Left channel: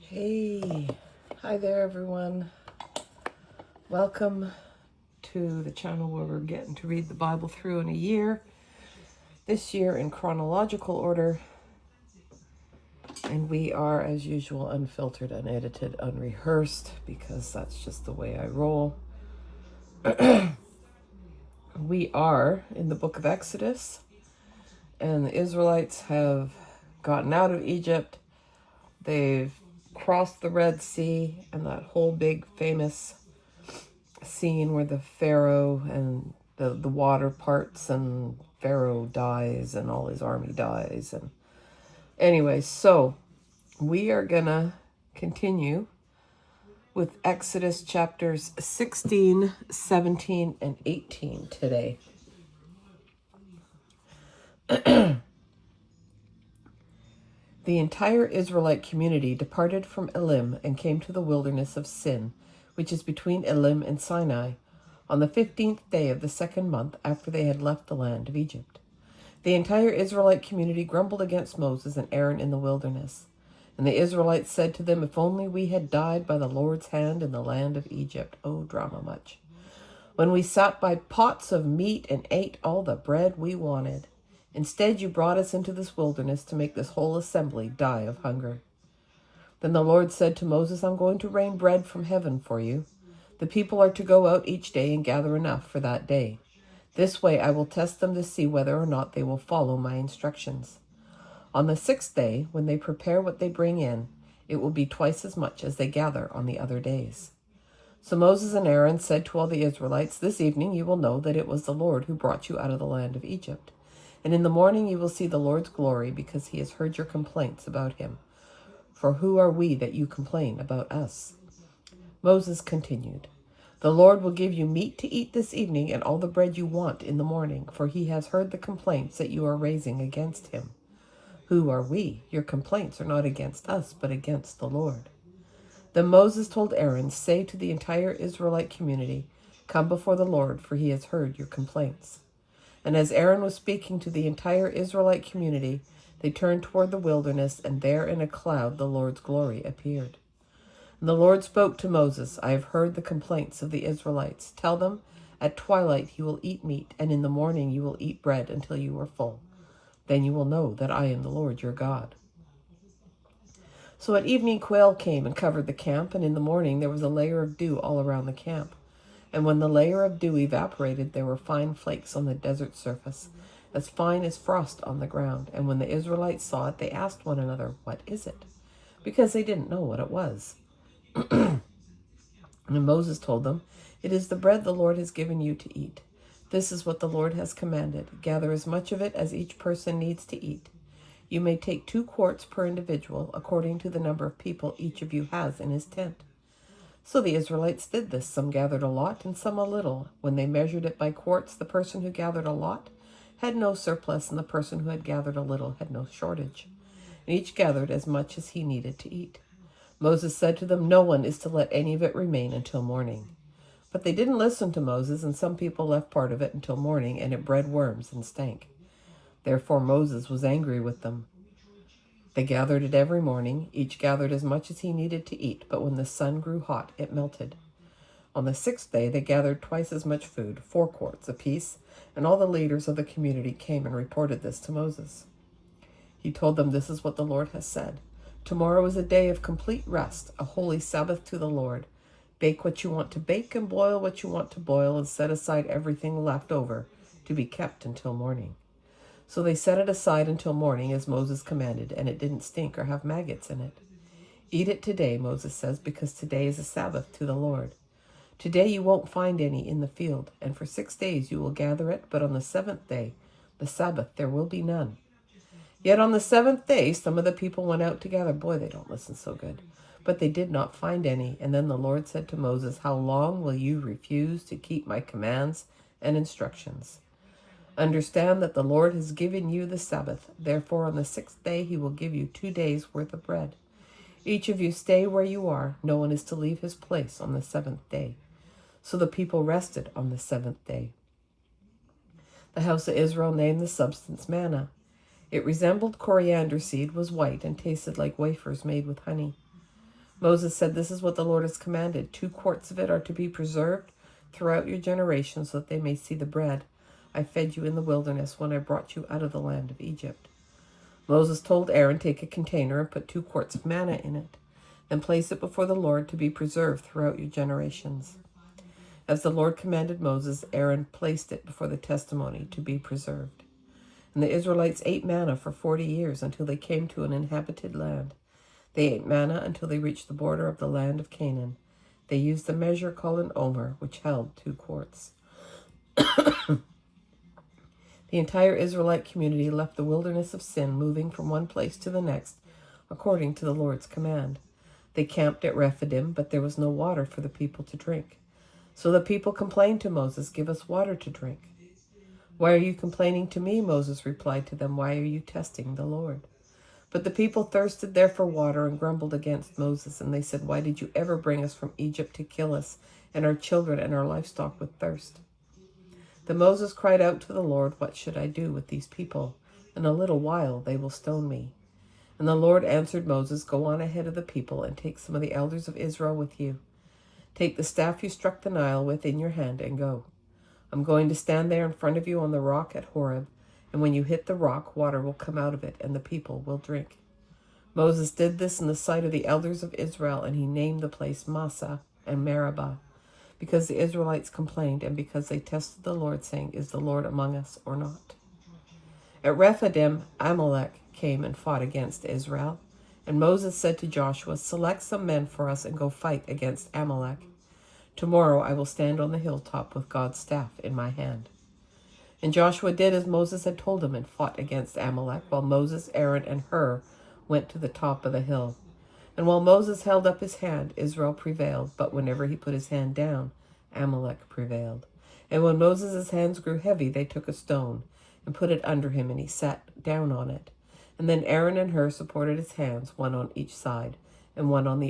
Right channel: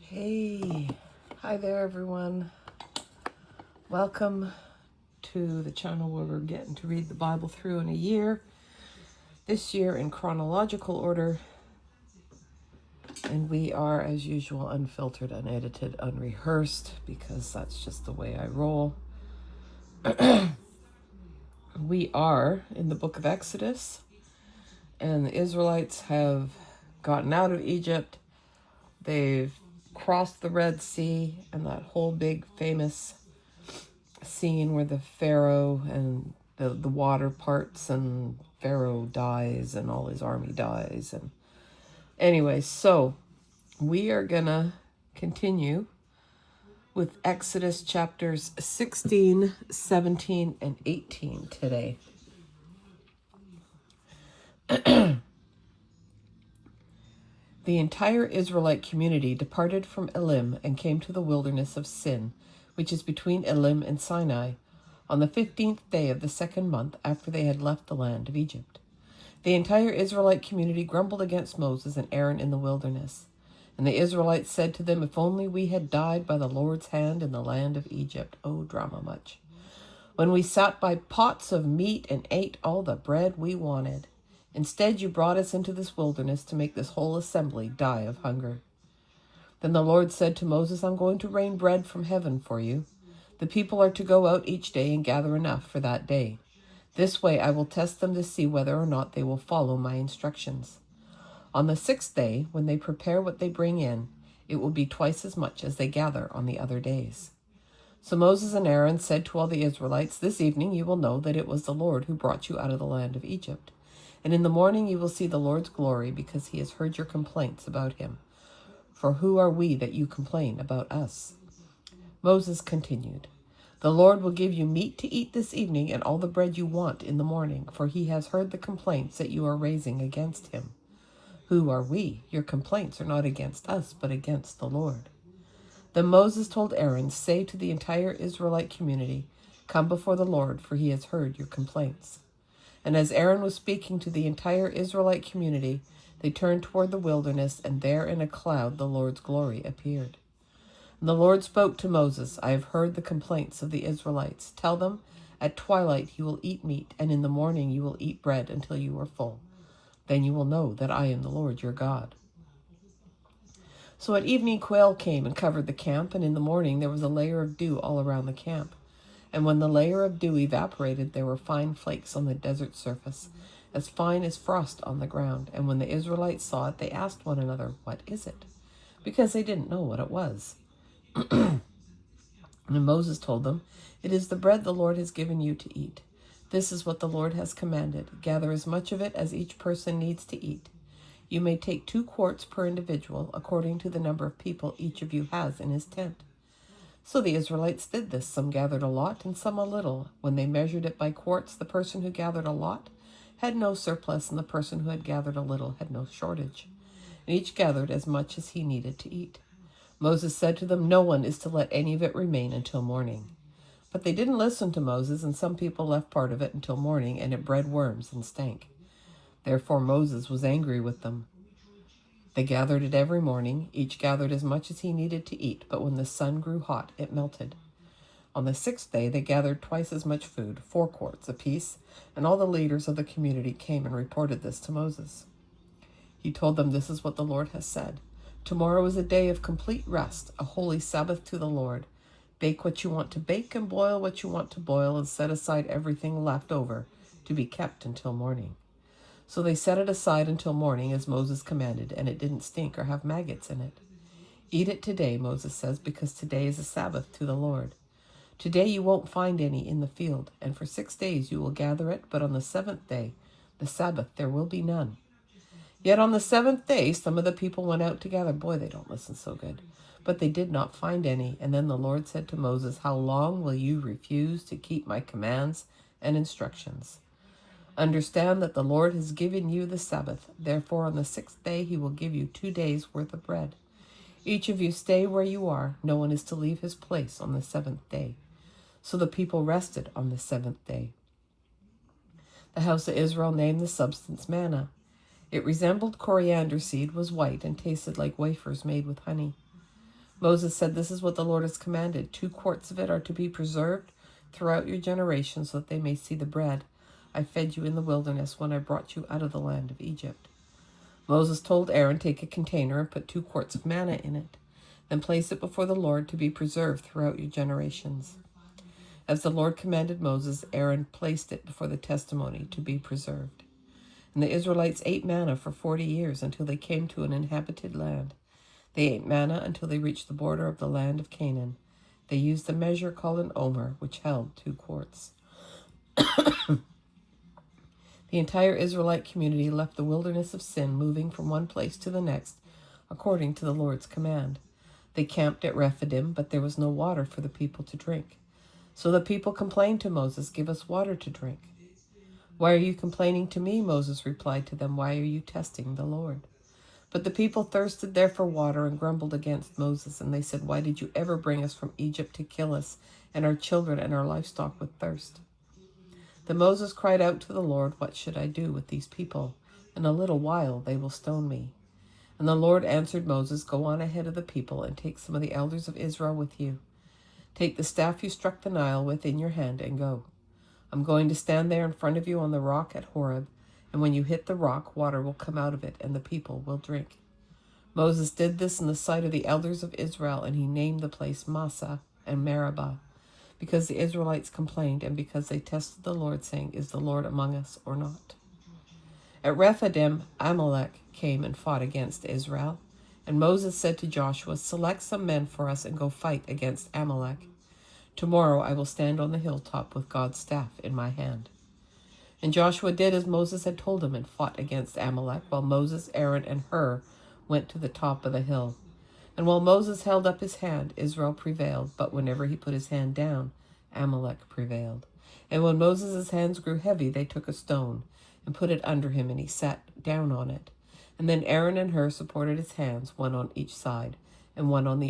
Hey, hi there everyone. Welcome to the channel where we're getting to read the Bible through in a year. This year in chronological order. And we are, as usual, unfiltered, unedited, unrehearsed, because that's just the way I roll. We are in the book of Exodus, and the Israelites have gotten out of Egypt. They've crossed the Red Sea, and that whole big famous scene where the Pharaoh and the water parts and Pharaoh dies and all his army dies. And anyway, so we are gonna continue with Exodus chapters 16, 17, and 18 today. The entire Israelite community departed from Elim and came to the wilderness of Sin, which is between Elim and Sinai, on the 15th day of the second month after they had left the land of Egypt. The entire Israelite community grumbled against Moses and Aaron in the wilderness. And the Israelites said to them, "If only we had died by the Lord's hand in the land of Egypt." Oh, drama much. "When we sat by pots of meat and ate all the bread we wanted. Instead, you brought us into this wilderness to make this whole assembly die of hunger." Then the Lord said to Moses, "I'm going to rain bread from heaven for you. The people are to go out each day and gather enough for that day. This way I will test them to see whether or not they will follow my instructions. On the 6th day, when they prepare what they bring in, it will be twice as much as they gather on the other days." So Moses and Aaron said to all the Israelites, "This evening you will know that it was the Lord who brought you out of the land of Egypt. And in the morning you will see the Lord's glory, because he has heard your complaints about him. For who are we that you complain about us?" Moses continued, "The Lord will give you meat to eat this evening and all the bread you want in the morning, for he has heard the complaints that you are raising against him." Who are we? Your complaints are not against us, but against the Lord. Then Moses told Aaron, "Say to the entire Israelite community, 'Come before the Lord, for he has heard your complaints.'" And as Aaron was speaking to the entire Israelite community, they turned toward the wilderness, and there in a cloud the Lord's glory appeared. And the Lord spoke to Moses, "I have heard the complaints of the Israelites. Tell them, at twilight you will eat meat, and in the morning you will eat bread until you are full. Then you will know that I am the Lord your God." So at evening quail came and covered the camp, and in the morning there was a layer of dew all around the camp. And when the layer of dew evaporated, there were fine flakes on the desert surface, as fine as frost on the ground. And when the Israelites saw it, they asked one another, "What is it?" Because they didn't know what it was. And Moses told them, "It is the bread the Lord has given you to eat. This is what the Lord has commanded. Gather as much of it as each person needs to eat. You may take 2 quarts per individual, according to the number of people each of you has in his tent." So the Israelites did this. Some gathered a lot and some a little. When they measured it by quarts, the person who gathered a lot had no surplus, and the person who had gathered a little had no shortage. And each gathered as much as he needed to eat. Moses said to them, "No one is to let any of it remain until morning." But they didn't listen to Moses, and some people left part of it until morning, and it bred worms and stank. Therefore Moses was angry with them. They gathered it every morning. Each gathered as much as he needed to eat, but when the sun grew hot, it melted. On the 6th day, they gathered twice as much food, 4 quarts apiece, and all the leaders of the community came and reported this to Moses. He told them, "This is what the Lord has said. Tomorrow is a day of complete rest, a holy Sabbath to the Lord. Bake what you want to bake and boil what you want to boil, and set aside everything left over to be kept until morning." So they set it aside until morning, as Moses commanded, and it didn't stink or have maggots in it. "Eat it today," Moses says, "because today is a Sabbath to the Lord. Today you won't find any in the field, and for 6 days you will gather it, but on the 7th day, the Sabbath, there will be none." Yet on the 7th day, some of the people went out together. Boy, they don't listen so good. But they did not find any. And then the Lord said to Moses, "How long will you refuse to keep my commands and instructions? Understand that the Lord has given you the Sabbath. Therefore, on the 6th day, he will give you 2 days' worth of bread. Each of you stay where you are. No one is to leave his place on the 7th day." So the people rested on the 7th day. The house of Israel named the substance manna. It resembled coriander seed, was white, and tasted like wafers made with honey. Moses said, "This is what the Lord has commanded. 2 quarts of it are to be preserved throughout your generations, so that they may see the bread I fed you in the wilderness when I brought you out of the land of Egypt." Moses told Aaron, "Take a container and put 2 quarts of manna in it. Then place it before the Lord to be preserved throughout your generations." As the Lord commanded Moses, Aaron placed it before the testimony to be preserved. And the Israelites ate manna for 40 years until they came to an inhabited land. They ate manna until they reached the border of the land of Canaan. They used the measure called an omer, which held 2 quarts. The entire Israelite community left the wilderness of Sin, moving from one place to the next, according to the Lord's command. They camped at Rephidim, but there was no water for the people to drink. So the people complained to Moses, "Give us water to drink." "Why are you complaining to me?" Moses replied to them. "Why are you testing the Lord?" But the people thirsted there for water and grumbled against Moses, and they said, "Why did you ever bring us from Egypt to kill us and our children and our livestock with thirst?" Then Moses cried out to the Lord, "What should I do with these people? In a little while they will stone me." And the Lord answered Moses, "Go on ahead of the people and take some of the elders of Israel with you. Take the staff you struck the Nile with in your hand and go. I'm going to stand there in front of you on the rock at Horeb, and when you hit the rock, water will come out of it, and the people will drink." Moses did this in the sight of the elders of Israel, and he named the place Massah and Meribah, because the Israelites complained and because they tested the Lord, saying, "Is the Lord among us or not?" At Rephidim, Amalek came and fought against Israel, and Moses said to Joshua, "Select some men for us and go fight against Amalek. Tomorrow I will stand on the hilltop with God's staff in my hand." And Joshua did as Moses had told him and fought against Amalek, while Moses, Aaron, and Hur went to the top of the hill. And while Moses held up his hand, Israel prevailed, but whenever he put his hand down, Amalek prevailed. And when Moses' hands grew heavy, they took a stone and put it under him, and he sat down on it. And then Aaron and Hur supported his hands, one on each side, and one on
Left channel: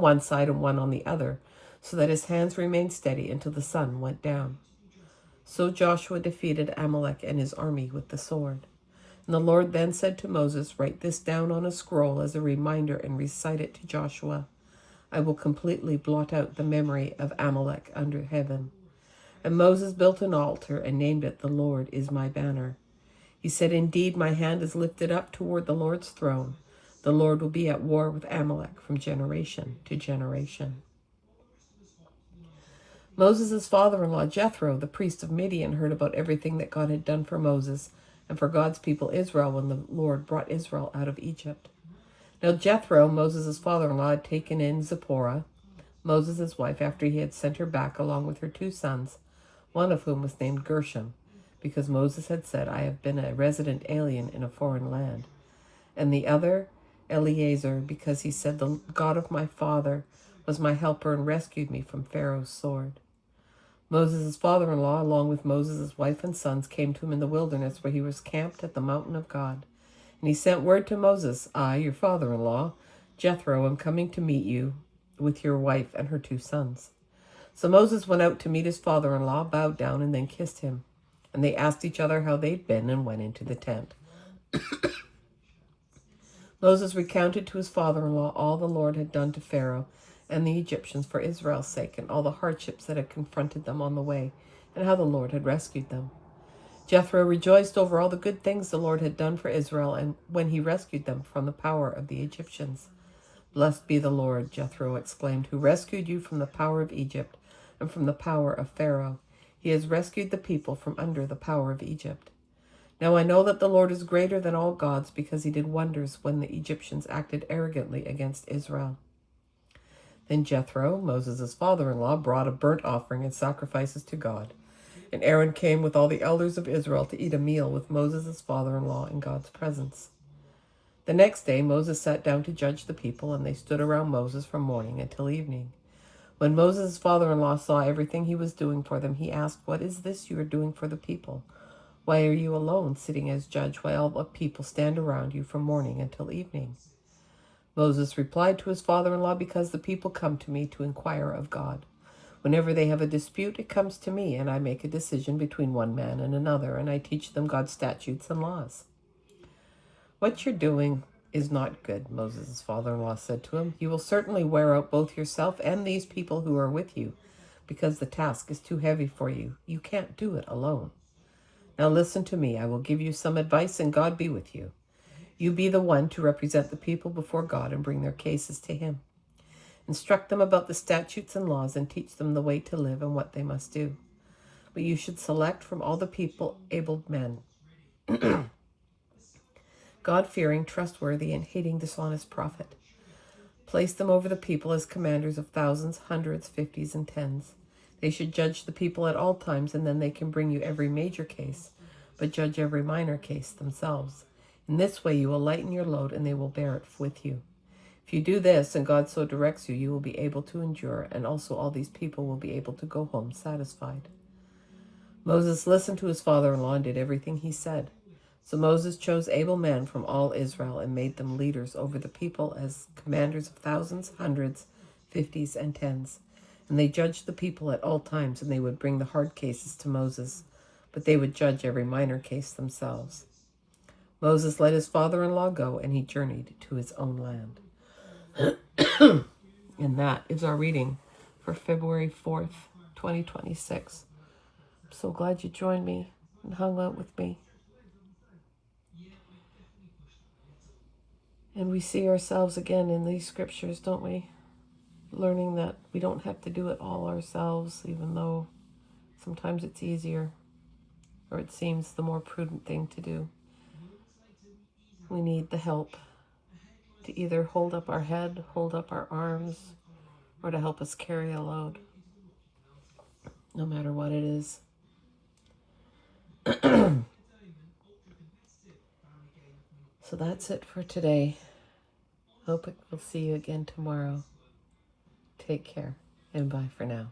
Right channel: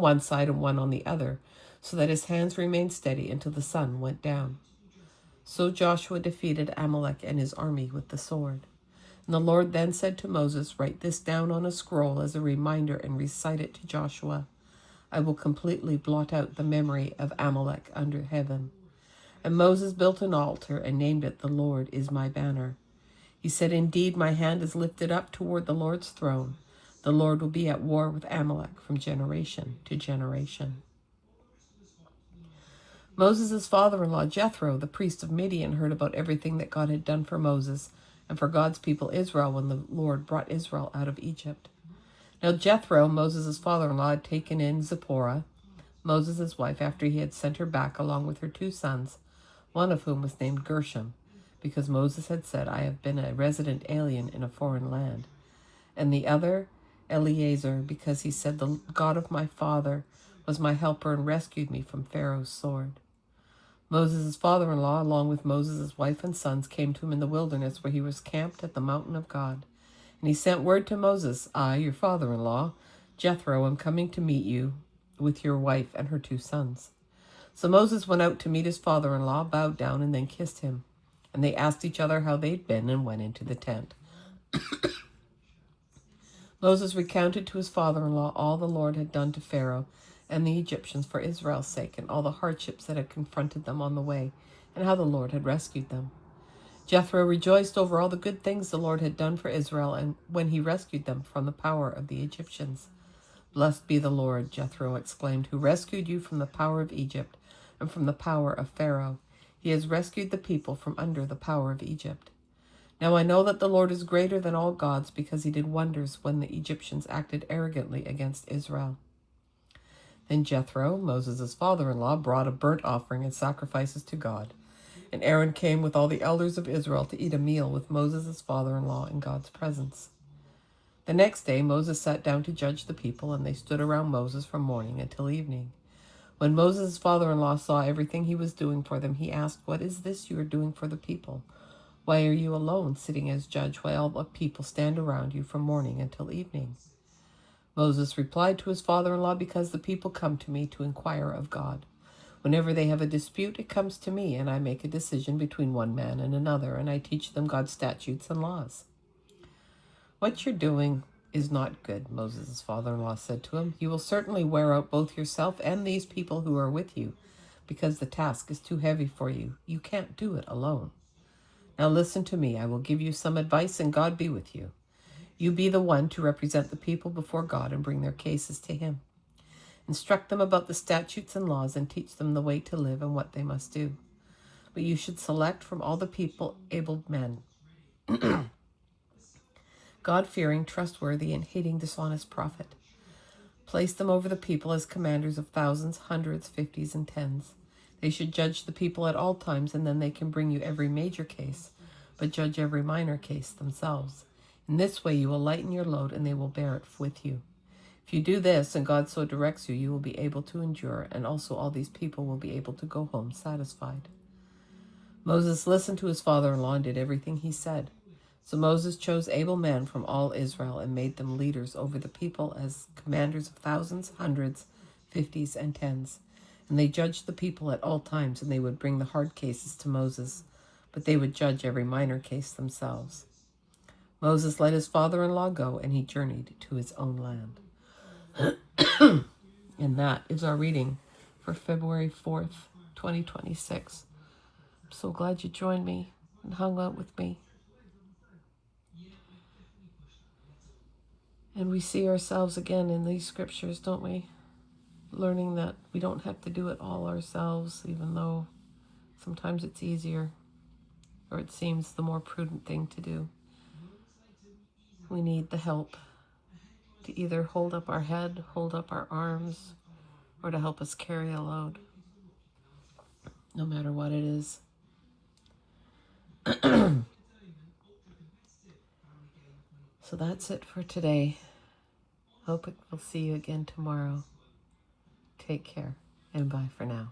one side and one on the other, so that his hands remained steady until the sun went down. So Joshua defeated Amalek and his army with the sword. And the Lord then said to Moses, "Write this down on a scroll as a reminder and recite it to Joshua. I will completely blot out the memory of Amalek under heaven." And Moses built an altar and named it, "The Lord is my banner." He said, "Indeed, my hand is lifted up toward the Lord's throne. The Lord will be at war with Amalek from generation to generation." Moses' father-in-law, Jethro, the priest of Midian, heard about everything that God had done for Moses and for God's people Israel when the Lord brought Israel out of Egypt. Now Jethro, Moses' father-in-law, had taken in Zipporah, Moses' wife, after he had sent her back along with her 2 sons, one of whom was named Gershom, because Moses had said, "I have been a resident alien in a foreign land," and the other, Eleazar, because he said, "The God of my father was my helper and rescued me from Pharaoh's sword." Moses' father-in-law, along with Moses' wife and sons, came to him in the wilderness, where he was camped at the mountain of God. And he sent word to Moses, "I, your father-in-law, Jethro, am coming to meet you with your wife and her 2 sons." So Moses went out to meet his father-in-law, bowed down, and then kissed him. And they asked each other how they'd been and went into the tent. Moses recounted to his father-in-law all the Lord had done to Pharaoh and the Egyptians for Israel's sake, and all the hardships that had confronted them on the way, and how the Lord had rescued them. Jethro rejoiced over all the good things the Lord had done for Israel, and when he rescued them from the power of the Egyptians. "Blessed be the Lord," Jethro exclaimed, "who rescued you from the power of Egypt and from the power of Pharaoh. He has rescued the people from under the power of Egypt. Now I know that the Lord is greater than all gods, because he did wonders when the Egyptians acted arrogantly against Israel." Then Jethro, Moses' father-in-law, brought a burnt offering and sacrifices to God. And Aaron came with all the elders of Israel to eat a meal with Moses' father-in-law in God's presence. The next day Moses sat down to judge the people, and they stood around Moses from morning until evening. When Moses' father-in-law saw everything he was doing for them, he asked, "What is this you are doing for the people? Why are you alone, sitting as judge, while all the people stand around you from morning until evening?" Moses replied to his father-in-law, "Because the people come to me to inquire of God. Whenever they have a dispute, it comes to me, and I make a decision between one man and another, and I teach them God's statutes and laws." "What you're doing is not good," Moses' father-in-law said to him. "You will certainly wear out both yourself and these people who are with you, because the task is too heavy for you. You can't do it alone. Now listen to me. I will give you some advice, and God be with you. You be the one to represent the people before God and bring their cases to him. Instruct them about the statutes and laws and teach them the way to live and what they must do. But you should select from all the people able men, God-fearing, trustworthy, and hating dishonest prophet. Place them over the people as commanders of thousands, hundreds, fifties, and tens. They should judge the people at all times, and then they can bring you every major case, but judge every minor case themselves. In this way you will lighten your load, and they will bear it with you. If you do this, and God so directs you, you will be able to endure, and also all these people will be able to go home satisfied." Moses listened to his father-in-law and did everything he said. So Moses chose able men from all Israel and made them leaders over the people as commanders of thousands, hundreds, fifties, and tens. And they judged the people at all times, and they would bring the hard cases to Moses, but they would judge every minor case themselves. Moses let his father-in-law go, and he journeyed to his own land. And that is our reading for February 4th, 2026. I'm so glad you joined me and hung out with me. And we see ourselves again in these scriptures, don't we? Learning that we don't have to do it all ourselves, even though sometimes it's easier, or it seems the more prudent thing to do. We need the help to either hold up our head, hold up our arms, or to help us carry a load, no matter what it is. So that's it for today. Hope we'll see you again tomorrow. Take care, and bye for now.